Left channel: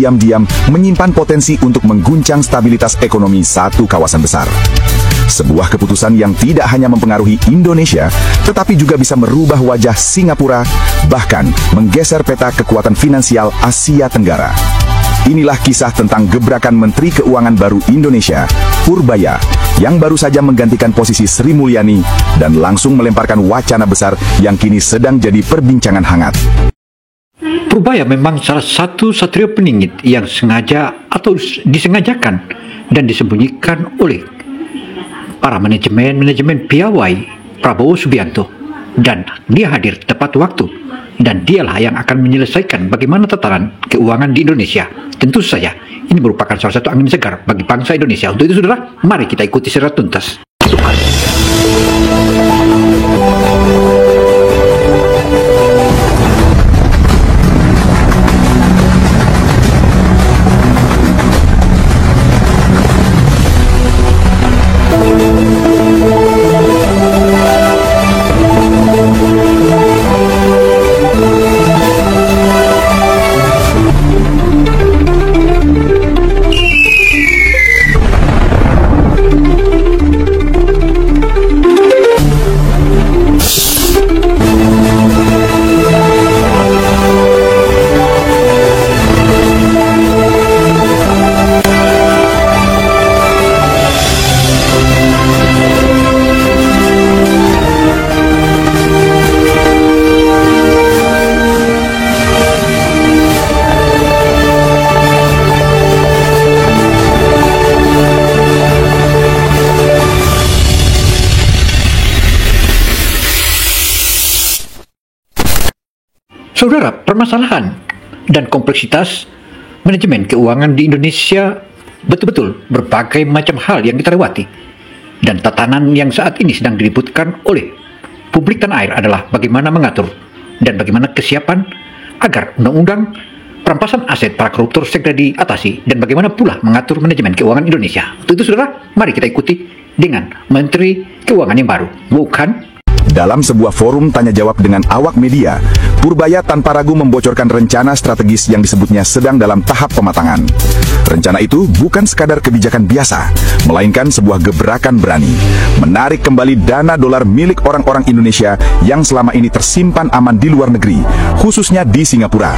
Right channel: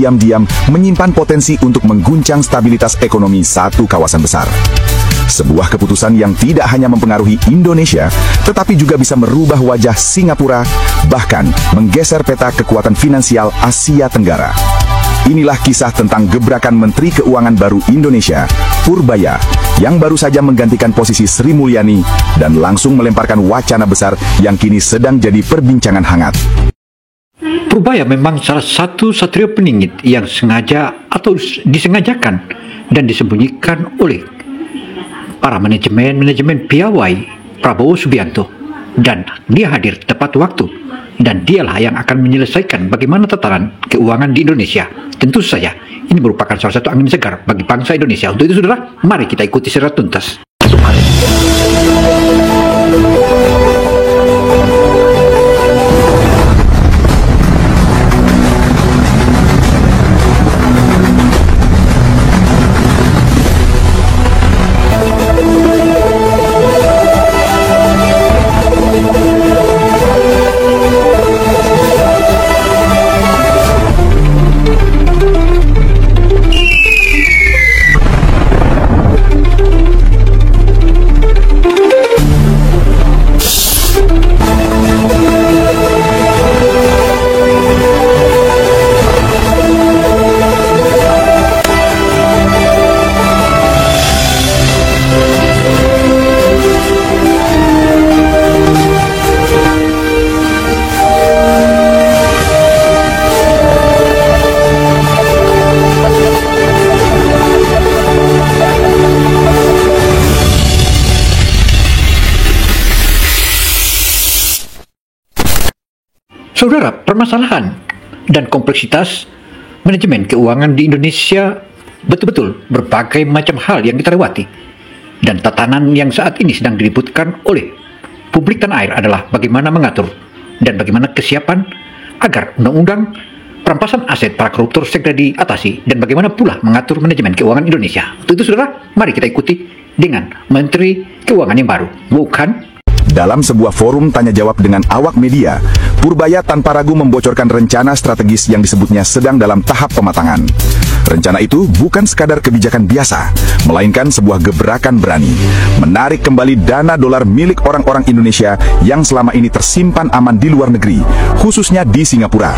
diam-diam menyimpan potensi untuk mengguncang stabilitas ekonomi satu kawasan besar. Sebuah keputusan yang tidak hanya mempengaruhi Indonesia, tetapi juga bisa merubah wajah Singapura, bahkan menggeser peta kekuatan finansial Asia Tenggara. Inilah kisah tentang gebrakan Menteri Keuangan baru Indonesia, Purbaya, yang baru saja menggantikan posisi Sri Mulyani dan langsung melemparkan wacana besar yang kini sedang jadi perbincangan hangat. Purbaya memang salah satu satria peningit yang sengaja atau disengajakan dan disembunyikan oleh para manajemen piawai Prabowo Subianto, dan dia hadir tepat waktu, dan dialah yang akan menyelesaikan bagaimana tatanan keuangan di Indonesia. Tentu saja ini merupakan salah satu angin segar bagi bangsa Indonesia. Untuk itu, saudara, mari kita ikuti secara tuntas. Saudara, permasalahan dan kompleksitas manajemen keuangan di Indonesia betul-betul berbagai macam hal yang kita lewati. Dan tatanan yang saat ini sedang diributkan oleh publik tanah air adalah bagaimana mengatur dan bagaimana kesiapan agar undang-undang perampasan aset para koruptor segera diatasi, dan bagaimana pula mengatur manajemen keuangan Indonesia. Untuk itu, saudara, mari kita ikuti dengan Menteri Keuangan yang baru, bukan? Dalam sebuah forum tanya jawab dengan awak media, Purbaya tanpa ragu membocorkan rencana strategis yang disebutnya sedang dalam tahap pematangan. Rencana itu bukan sekadar kebijakan biasa, melainkan sebuah gebrakan berani, menarik kembali dana dolar milik orang-orang Indonesia yang selama ini tersimpan aman di luar negeri, khususnya di Singapura.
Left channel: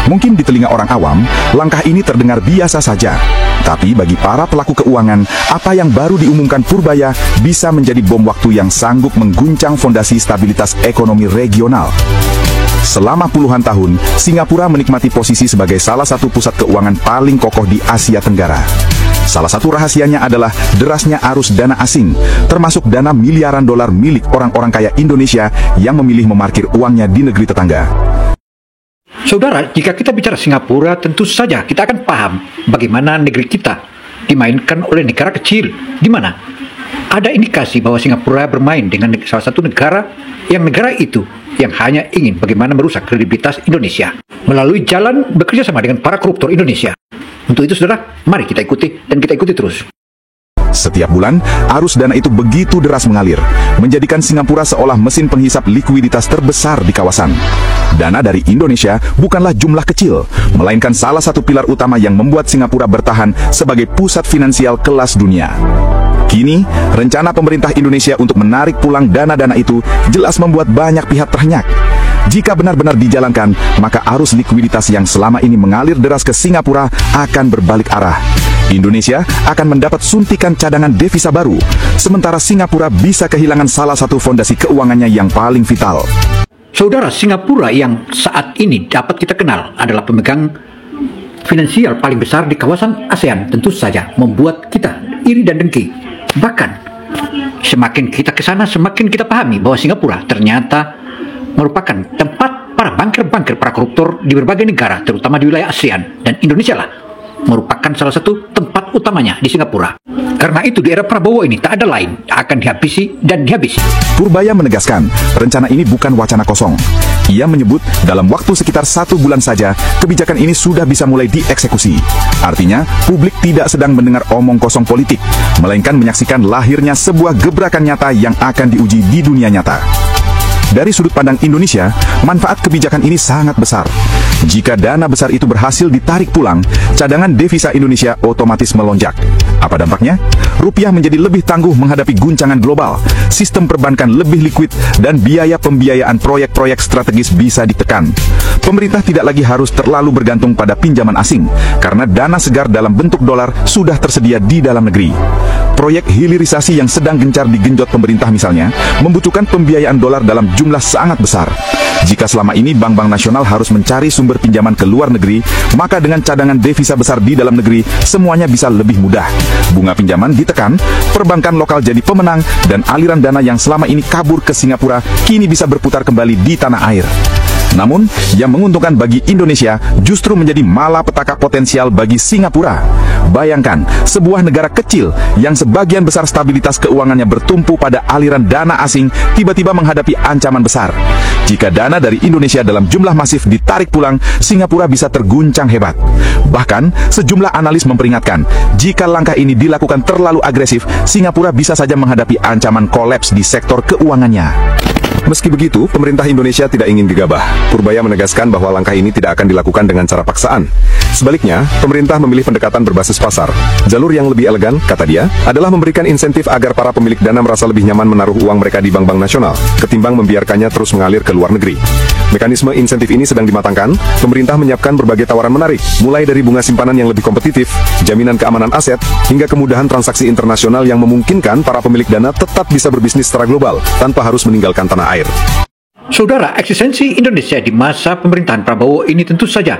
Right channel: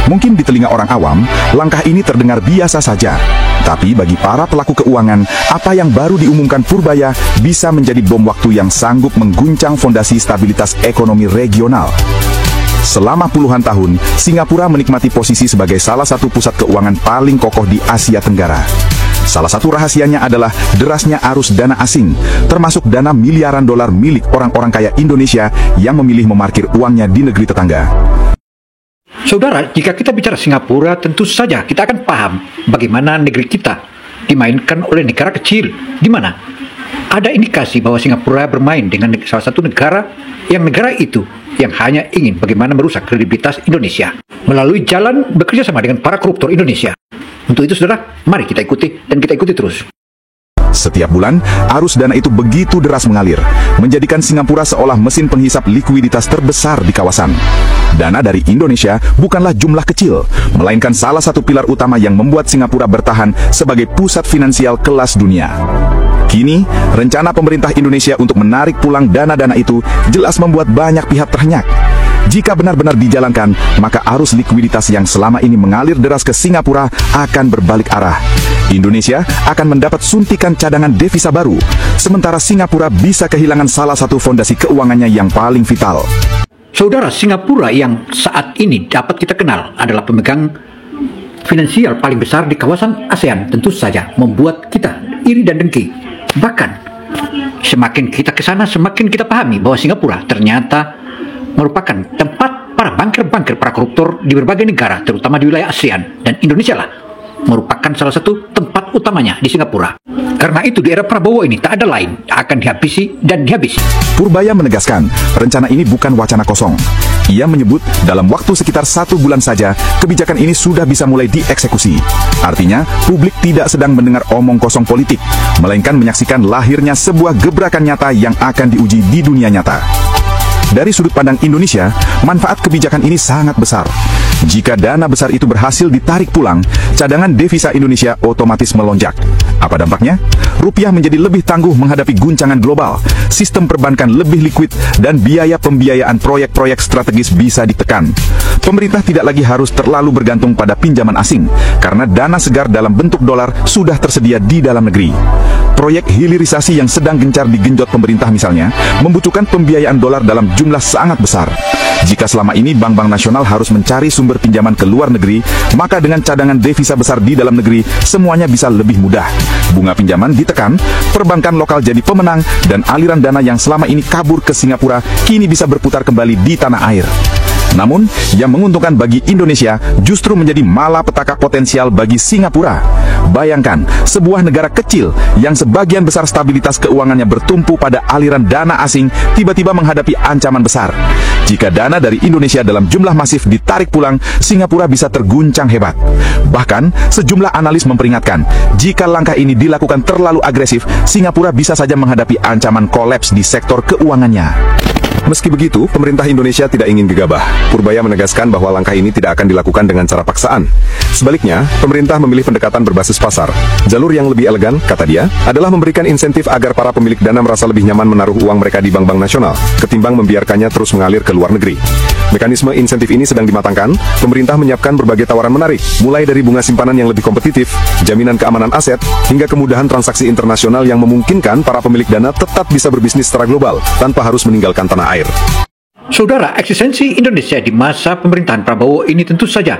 Mungkin di telinga orang awam, langkah ini terdengar biasa saja. Tapi bagi para pelaku keuangan, apa yang baru diumumkan Purbaya bisa menjadi bom waktu yang sanggup mengguncang fondasi stabilitas ekonomi regional. Selama puluhan tahun, Singapura menikmati posisi sebagai salah satu pusat keuangan paling kokoh di Asia Tenggara. Salah satu rahasianya adalah derasnya arus dana asing, termasuk dana miliaran dolar milik orang-orang kaya Indonesia yang memilih memarkir uangnya di negeri tetangga. Saudara, jika kita bicara Singapura, tentu saja kita akan paham bagaimana negeri kita dimainkan oleh negara kecil, di mana ada indikasi bahwa Singapura bermain dengan salah satu negara itu yang hanya ingin bagaimana merusak kredibilitas Indonesia melalui jalan bekerja sama dengan para koruptor Indonesia. Untuk itu, saudara, mari kita ikuti dan kita ikuti terus. Setiap bulan, arus dana itu begitu deras mengalir, menjadikan Singapura seolah mesin penghisap likuiditas terbesar di kawasan. Dana dari Indonesia bukanlah jumlah kecil, melainkan salah satu pilar utama yang membuat Singapura bertahan sebagai pusat finansial kelas dunia. Kini, rencana pemerintah Indonesia untuk menarik pulang dana-dana itu jelas membuat banyak pihak terhenyak. Jika benar-benar dijalankan, maka arus likuiditas yang selama ini mengalir deras ke Singapura akan berbalik arah. Indonesia akan mendapat suntikan cadangan devisa baru, sementara Singapura bisa kehilangan salah satu fondasi keuangannya yang paling vital. Saudara, Singapura yang saat ini dapat kita kenal adalah pemegang finansial paling besar di kawasan ASEAN, tentu saja membuat kita iri dan dengki. Bahkan, semakin kita ke sana, semakin kita pahami bahwa Singapura ternyata merupakan tempat para banker-banker, para koruptor di berbagai negara, terutama di wilayah ASEAN, dan Indonesia lah merupakan salah satu tempat utamanya di Singapura. Karena itu di era Prabowo ini tak ada lain akan dihabisi dan dihabisi. Purbaya menegaskan, rencana ini bukan wacana kosong. Ia menyebut dalam waktu sekitar 1 bulan saja, kebijakan ini sudah bisa mulai dieksekusi. Artinya, publik tidak sedang mendengar omong kosong politik, melainkan menyaksikan lahirnya sebuah gebrakan nyata yang akan diuji di dunia nyata. Dari sudut pandang Indonesia, manfaat kebijakan ini sangat besar. Jika dana besar itu berhasil ditarik pulang, cadangan devisa Indonesia otomatis melonjak. Apa dampaknya? Rupiah menjadi lebih tangguh menghadapi guncangan global, sistem perbankan lebih liquid, dan biaya pembiayaan proyek-proyek strategis bisa ditekan. Pemerintah tidak lagi harus terlalu bergantung pada pinjaman asing, karena dana segar dalam bentuk dolar sudah tersedia di dalam negeri. Proyek hilirisasi yang sedang gencar digenjot pemerintah misalnya, membutuhkan pembiayaan dolar dalam jumlah sangat besar. Jika selama ini bank-bank nasional harus mencari sumber pinjaman ke luar negeri, maka dengan cadangan devisa besar di dalam negeri, semuanya bisa lebih mudah. Bunga pinjaman ditekan, perbankan lokal jadi pemenang, dan aliran dana yang selama ini kabur ke Singapura kini bisa berputar kembali di tanah air. Namun, yang menguntungkan bagi Indonesia justru menjadi malapetaka potensial bagi Singapura. Bayangkan, sebuah negara kecil yang sebagian besar stabilitas keuangannya bertumpu pada aliran dana asing tiba-tiba menghadapi ancaman besar. Jika dana dari Indonesia dalam jumlah masif ditarik pulang, Singapura bisa terguncang hebat. Bahkan, sejumlah analis memperingatkan, jika langkah ini dilakukan terlalu agresif, Singapura bisa saja menghadapi ancaman kolaps di sektor keuangannya. Meski begitu, pemerintah Indonesia tidak ingin gegabah. Purbaya menegaskan bahwa langkah ini tidak akan dilakukan dengan cara paksaan. Sebaliknya, pemerintah memilih pendekatan berbasis pasar. Jalur yang lebih elegan, kata dia, adalah memberikan insentif agar para pemilik dana merasa lebih nyaman menaruh uang mereka di bank-bank nasional, ketimbang membiarkannya terus mengalir ke luar negeri. Mekanisme insentif ini sedang dimatangkan. Pemerintah menyiapkan berbagai tawaran menarik, mulai dari bunga simpanan yang lebih kompetitif, jaminan keamanan aset, hingga kemudahan transaksi internasional yang memungkinkan para pemilik dana tetap bisa berbisnis secara global tanpa harus meninggalkan tanah air. Saudara, eksistensi Indonesia di masa pemerintahan Prabowo ini tentu saja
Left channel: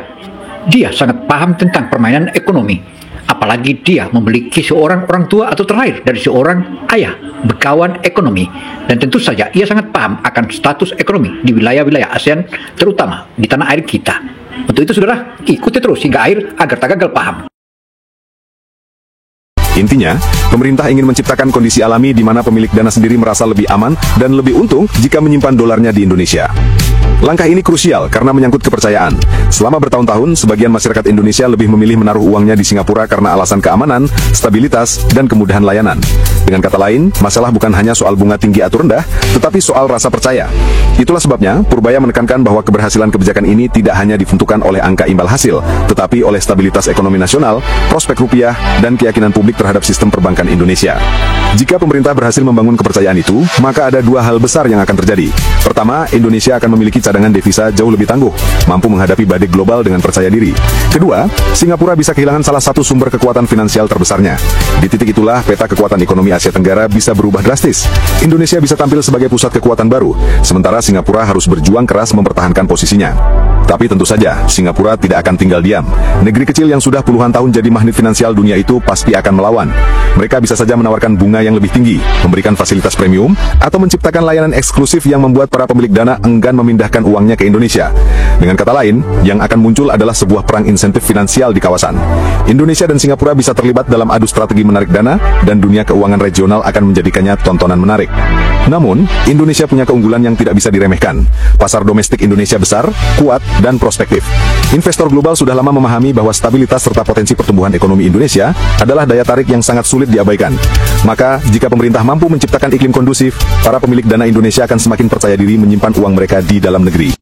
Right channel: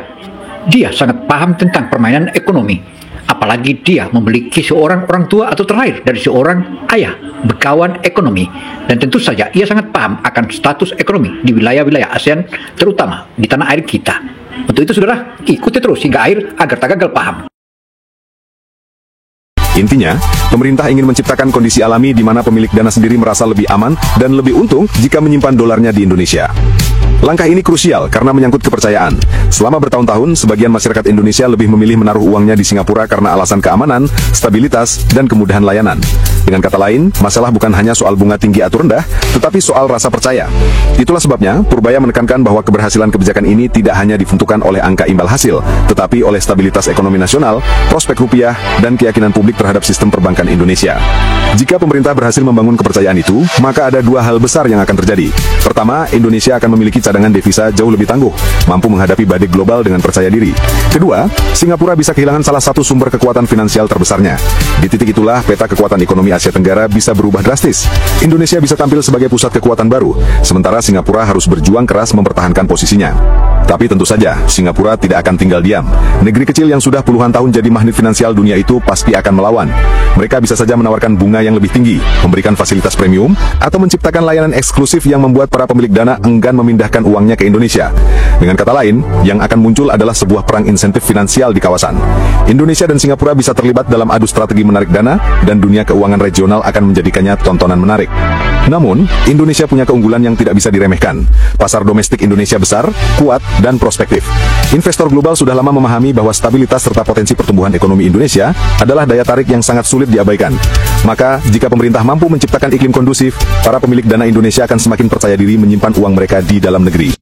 dia sangat paham tentang permainan ekonomi. Apalagi dia memiliki seorang orang tua atau terlahir dari seorang ayah, bekawan ekonomi. Dan tentu saja ia sangat paham akan status ekonomi di wilayah-wilayah ASEAN, terutama di tanah air kita. Untuk itu saudara, ikuti terus hingga akhir agar tak gagal paham. Intinya, pemerintah ingin menciptakan kondisi alami di mana pemilik dana sendiri merasa lebih aman dan lebih untung jika menyimpan dolarnya di Indonesia. Langkah ini krusial karena menyangkut kepercayaan. Selama bertahun-tahun, sebagian masyarakat Indonesia lebih memilih menaruh uangnya di Singapura karena alasan keamanan, stabilitas, dan kemudahan layanan. Dengan kata lain, masalah bukan hanya soal bunga tinggi atau rendah, tetapi soal rasa percaya. Itulah sebabnya, Purbaya menekankan bahwa keberhasilan kebijakan ini tidak hanya ditentukan oleh angka imbal hasil, tetapi oleh stabilitas ekonomi nasional, prospek rupiah, dan keyakinan publik terhadap sistem perbankan Indonesia. Jika pemerintah berhasil membangun kepercayaan itu, maka ada dua hal besar yang akan terjadi. Pertama, Indonesia akan memiliki cadangan devisa jauh lebih tangguh, mampu menghadapi badai global dengan percaya diri. Kedua, Singapura bisa kehilangan salah satu sumber kekuatan finansial terbesarnya. Di titik itulah peta kekuatan ekonomi Asia Tenggara bisa berubah drastis. Indonesia bisa tampil sebagai pusat kekuatan baru, sementara Singapura harus berjuang keras mempertahankan posisinya. Tapi tentu saja, Singapura tidak akan tinggal diam. Negeri kecil yang sudah puluhan tahun jadi magnet finansial dunia itu pasti akan melawan. Mereka bisa saja menawarkan bunga yang lebih tinggi, memberikan fasilitas premium, atau menciptakan layanan eksklusif yang membuat para pemilik dana enggan memindahkan uangnya ke Indonesia. Dengan kata lain, yang akan muncul adalah sebuah perang insentif finansial di kawasan. Indonesia dan Singapura bisa terlibat dalam adu strategi menarik dana, dan dunia keuangan regional akan menjadikannya tontonan menarik. Namun, Indonesia punya keunggulan yang tidak bisa diremehkan. Pasar domestik Indonesia besar, kuat, dan prospektif. Investor global sudah lama memahami bahwa stabilitas serta potensi pertumbuhan ekonomi Indonesia adalah daya tarik yang sangat sulit diabaikan. Maka, jika pemerintah mampu menciptakan iklim kondusif, para pemilik dana Indonesia akan semakin percaya diri menyimpan uang mereka di dalam negeri.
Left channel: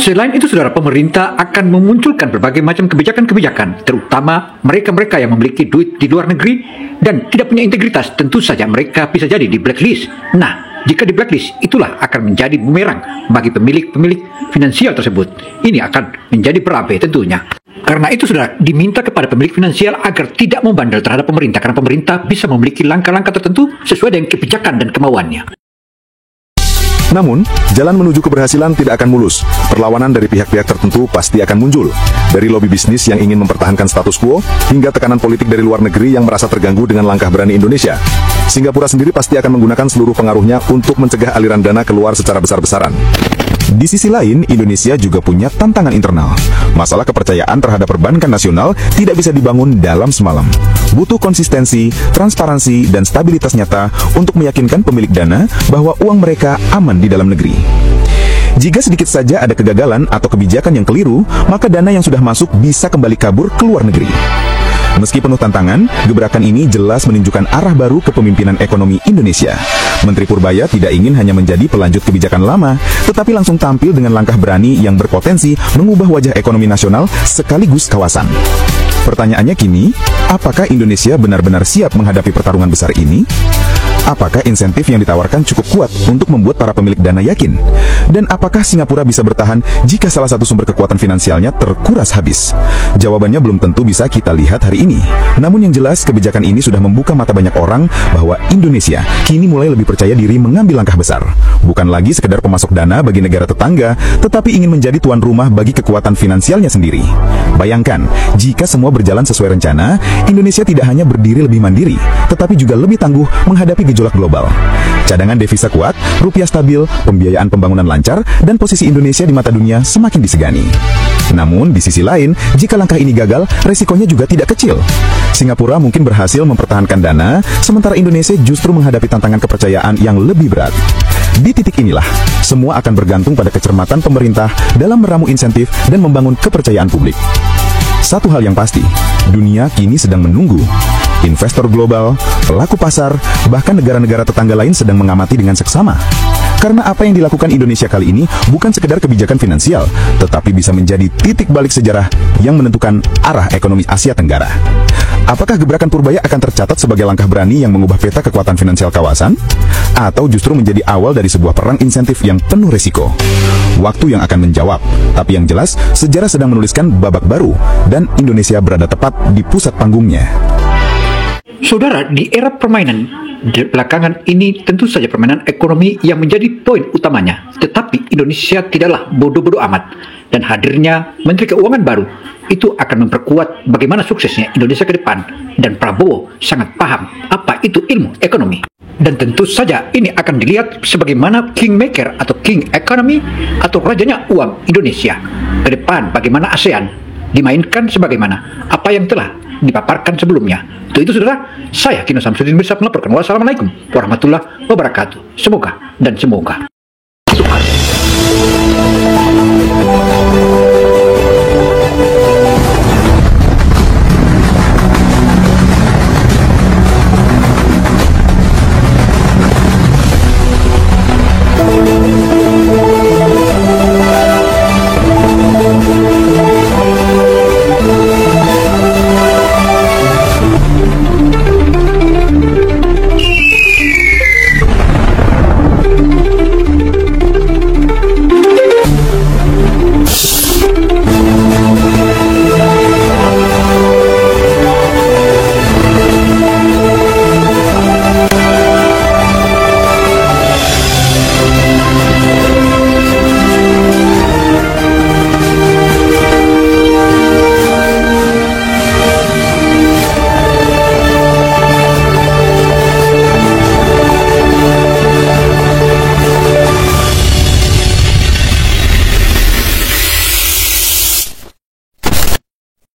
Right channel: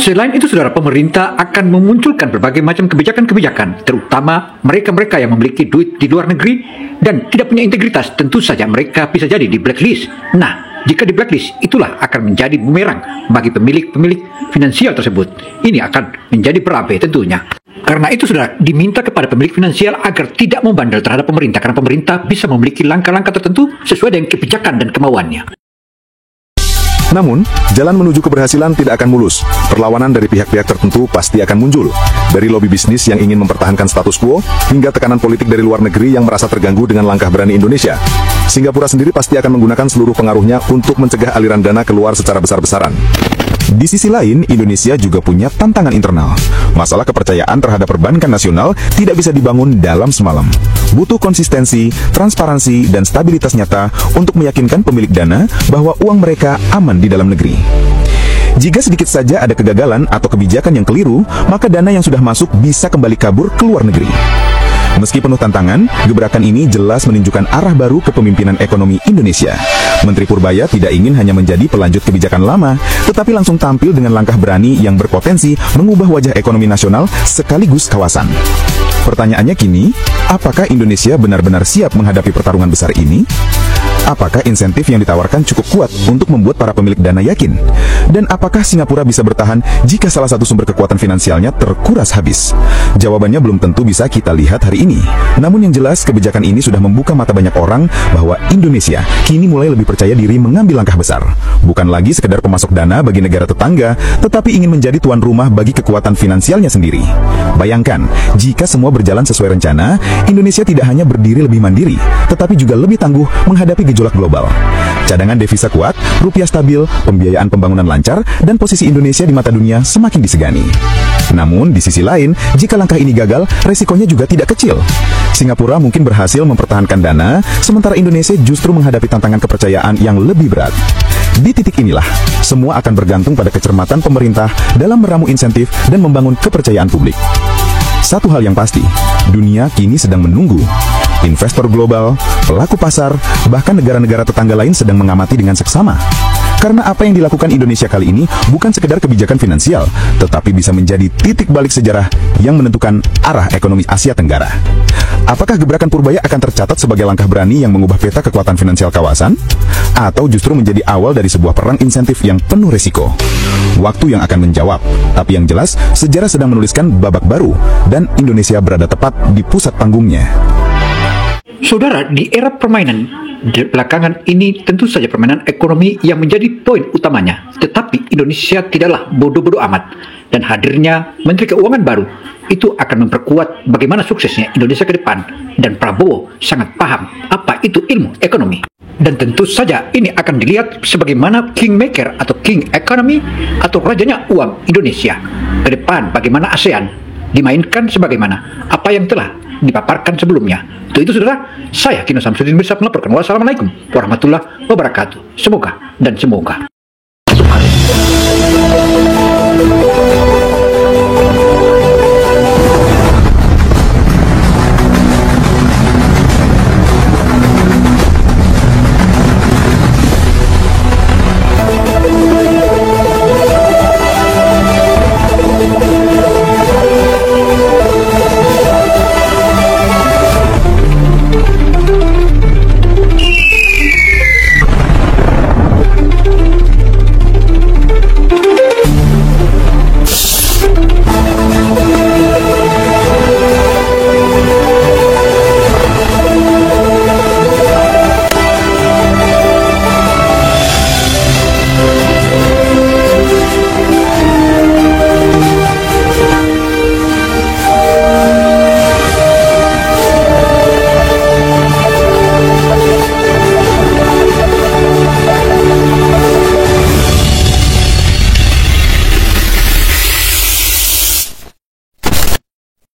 Selain itu, saudara, pemerintah akan memunculkan berbagai macam kebijakan-kebijakan, terutama mereka-mereka yang memiliki duit di luar negeri dan tidak punya integritas. Tentu saja mereka bisa jadi di blacklist. Nah, jika di blacklist, itulah akan menjadi bumerang bagi pemilik-pemilik finansial tersebut. Ini akan menjadi berabe tentunya. Karena itu, saudara, diminta kepada pemilik finansial agar tidak membandel terhadap pemerintah, karena pemerintah bisa memiliki langkah-langkah tertentu sesuai dengan kebijakan dan kemauannya. Namun, jalan menuju keberhasilan tidak akan mulus. Perlawanan dari pihak-pihak tertentu pasti akan muncul. Dari lobi bisnis yang ingin mempertahankan status quo, hingga tekanan politik dari luar negeri yang merasa terganggu dengan langkah berani Indonesia. Singapura sendiri pasti akan menggunakan seluruh pengaruhnya untuk mencegah aliran dana keluar secara besar-besaran. Di sisi lain, Indonesia juga punya tantangan internal. Masalah kepercayaan terhadap perbankan nasional tidak bisa dibangun dalam semalam. Butuh konsistensi, transparansi, dan stabilitas nyata untuk meyakinkan pemilik dana bahwa uang mereka aman di dalam negeri. Jika sedikit saja ada kegagalan atau kebijakan yang keliru, maka dana yang sudah masuk bisa kembali kabur ke luar negeri. Meski penuh tantangan, gebrakan ini jelas menunjukkan arah baru kepemimpinan ekonomi Indonesia. Menteri Purbaya tidak ingin hanya menjadi pelanjut kebijakan lama, tetapi langsung tampil dengan langkah berani yang berpotensi mengubah wajah ekonomi nasional sekaligus kawasan. Pertanyaannya kini, apakah Indonesia benar-benar siap menghadapi pertarungan besar ini? Apakah insentif yang ditawarkan cukup kuat untuk membuat para pemilik dana yakin? Dan apakah Singapura bisa bertahan jika salah satu sumber kekuatan finansialnya terkuras habis? Jawabannya belum tentu bisa kita lihat hari ini. Namun yang jelas, kebijakan ini sudah membuka mata banyak orang bahwa Indonesia kini mulai lebih percaya diri mengambil langkah besar. Bukan lagi sekedar pemasok dana bagi negara tetangga, tetapi ingin menjadi tuan rumah bagi kekuatan finansialnya sendiri. Bayangkan, jika semua berjalan sesuai rencana, Indonesia tidak hanya berdiri lebih mandiri, tetapi juga lebih tangguh menghadapi gejolak global. Cadangan devisa kuat, rupiah stabil, pembiayaan pembangunan lancar, dan posisi Indonesia di mata dunia semakin disegani. Namun, di sisi lain, jika langkah ini gagal, resikonya juga tidak kecil. Singapura mungkin berhasil mempertahankan dana, sementara Indonesia justru menghadapi tantangan kepercayaan yang lebih berat. Di titik inilah, semua akan bergantung pada kecermatan pemerintah dalam meramu insentif dan membangun kepercayaan publik. Satu hal yang pasti, dunia kini sedang menunggu. Investor global, pelaku pasar, bahkan negara-negara tetangga lain sedang mengamati dengan seksama. Karena apa yang dilakukan Indonesia kali ini bukan sekedar kebijakan finansial, tetapi bisa menjadi titik balik sejarah yang menentukan arah ekonomi Asia Tenggara. Apakah gebrakan Purbaya akan tercatat sebagai langkah berani yang mengubah peta kekuatan finansial kawasan? Atau justru menjadi awal dari sebuah perang insentif yang penuh risiko? Waktu yang akan menjawab, tapi yang jelas, sejarah sedang menuliskan babak baru, dan Indonesia berada tepat di pusat panggungnya. Saudara, di era permainan belakangan ini tentu saja permainan ekonomi yang menjadi poin utamanya. Tetapi Indonesia tidaklah bodoh-bodoh amat, dan hadirnya Menteri Keuangan baru itu akan memperkuat bagaimana suksesnya Indonesia ke depan, dan Prabowo sangat paham apa itu ilmu ekonomi. Dan tentu saja ini akan dilihat sebagaimana kingmaker atau king economy atau rajanya uang Indonesia. Ke depan bagaimana ASEAN dimainkan sebagaimana apa yang telah dipaparkan sebelumnya. Untuk itu saudara, saya Kino Samsudin bisa melaporkan. Wassalamualaikum warahmatullahi wabarakatuh. Semoga dan semoga.